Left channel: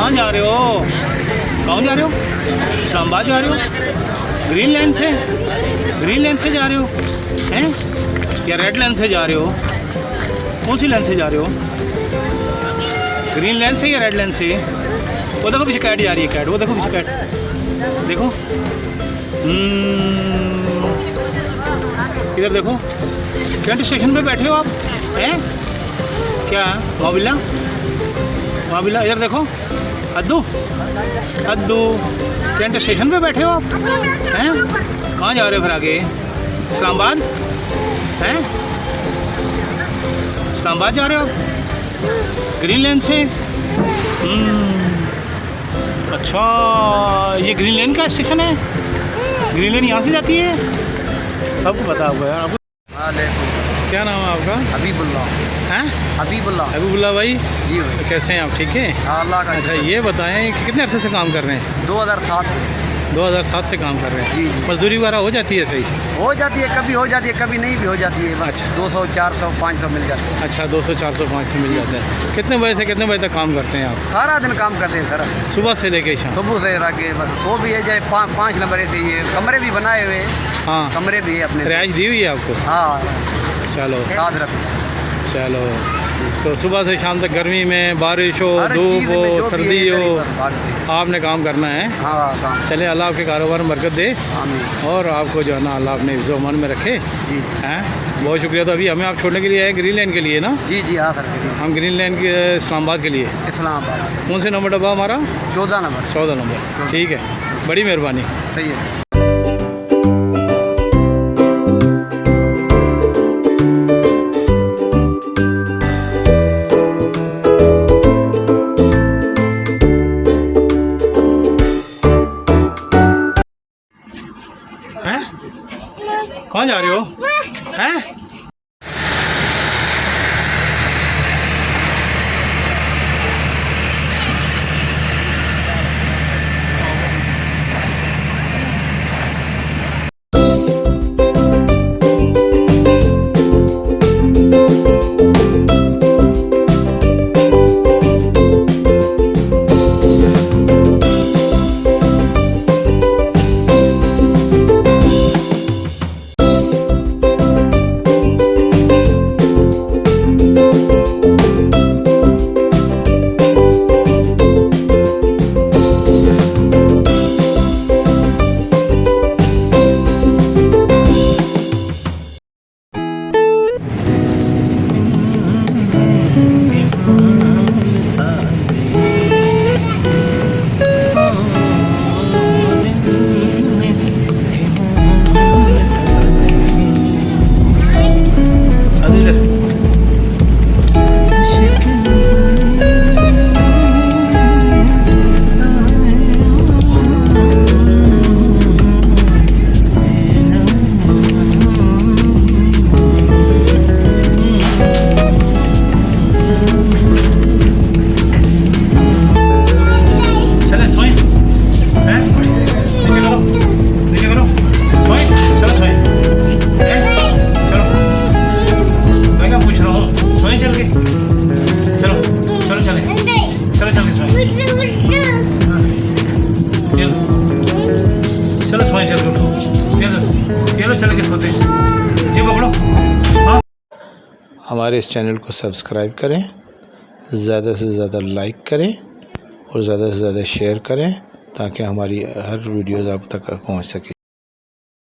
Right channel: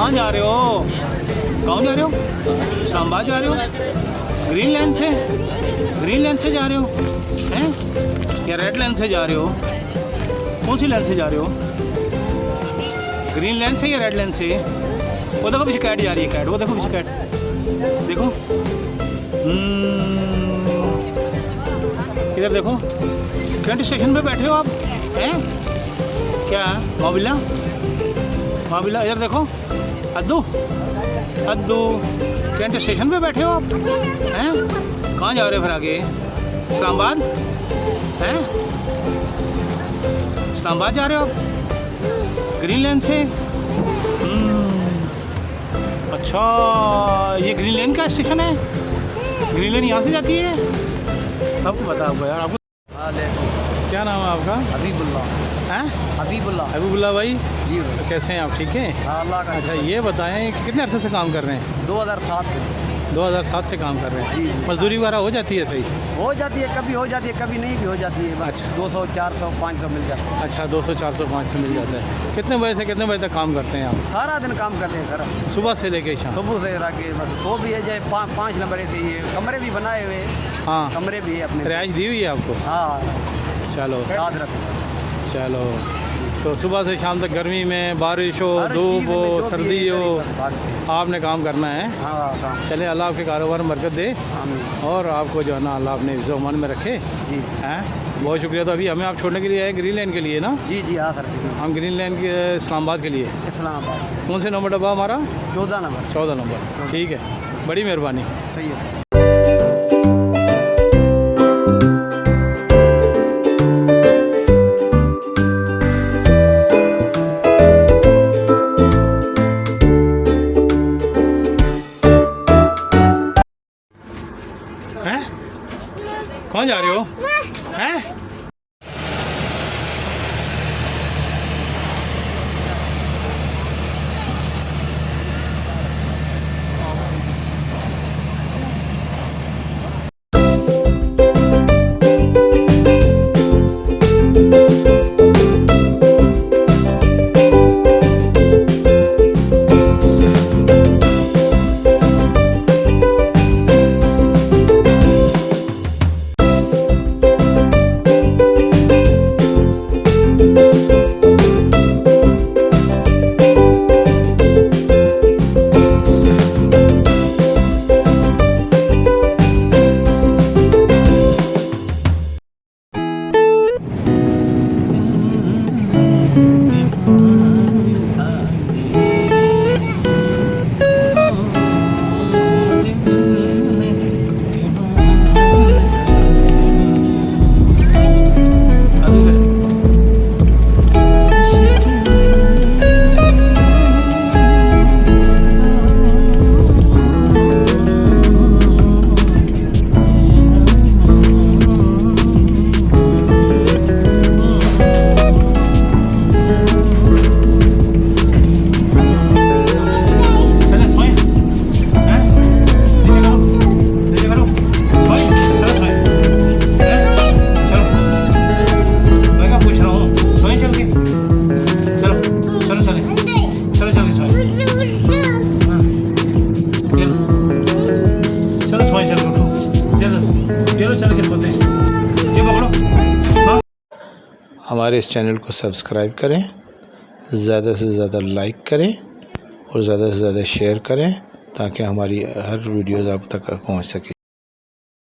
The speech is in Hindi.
कहाँ जा रहे हो? कहाँ जा रहे हो? इस्लामाबाद जा रहे हो? ग्रीन लाइन से? ग्रीन लाइन से जा रहे हो हैं या रेड लाइन से जा रहे हो? कौन सी लाइन से जा रहे हो? ग्रीन लाइन से या रेड लाइन से? वो देखो पीछे कैट जा रही है, कैट, वो देखो पीछे कैट, देखो। इधर देखो, कैंट स्टेशन पे बैठे हो आप हैं? क्या मोबिला मोबिला? इधर देखो, अद्दू अद्दू, कैंट स्टेशन पे बैठे हो आप हैं? कहाँ जा रहे हो फिर आगे? इस्लामाबाद हैं? इस्लामाबाद जा रहे हो ग्रीन लाइन से? अच्छा, ये ग्रीन लाइन का स्टेशन है? ग्रीन लाइन यहाँ से जाती है? सबको पता हुआ है आपको? क्या नाम है आपका? हबीबुल्लाह। हैं? हबीबुल्लाह। हबीबुल्लाह भाई जी तो कैसे हैं आप? ठीक है। अल्लाह का। अच्छा ये बताएं कि कितने अरसे से काम कर रहे हैं? 2007 से काम कर रहे हैं। जी। मजदूरी वगैरह हो जाती है? सही हो जाती है, कभी हो जाती है, कभी नहीं भी हो जाती है। अच्छा। 200, 400, 500 मिल जाती है। अच्छा, 200, 400, 500 मिल जाते हैं। कितने बजे से कितने बजे तक काम करते हैं आप? सारा दिन काम करते हैं सर, सुबह से लेके शाम? सुबह से रखे बस। सो भी है, जाए 5 नंबर से ये कमरे भी बनाए हुए हैं। हाँ, कमरे भी है अपने। रिहाइश दी हुई है आपको? हाँ, चलो साथ रखते। चलो, तो सुबह से शाम तक गर्मी में, बारिश हो, धूप हो, सर्दी हो, आपने काम करना है। हाँ काम। चले, अल्लाह आपके कारोबार में बरकत दे आमीन। और आपको जो है ना अल्लाह अपने हिफ्ज़ मन में रखे। जी हैं, बहुत शुक्रिया। तो अभी हमें आप छोड़ने के लिए आए ग्रीन लाइन के लिए ना? जी जी हाँ सर। हम ग्रीन लाइन के इस्लामाबाद के लिए। इस्लामाबाद। कौन से नंबर डब्बा हमारा? 14 नंबर। 14 नंबर। ठीक है, बड़ी मेहरबानी। सही है। हैं? कहाँ जा रहे हो? हैं? हमारे इस चैनल को सब्सक्राइब करें, ज़्यादा से ज़्यादा लाइक करें और ज़्यादा से ज़्यादा शेयर करें ताकि हमारी हर वीडियोज़ आप तक पहुंच सके।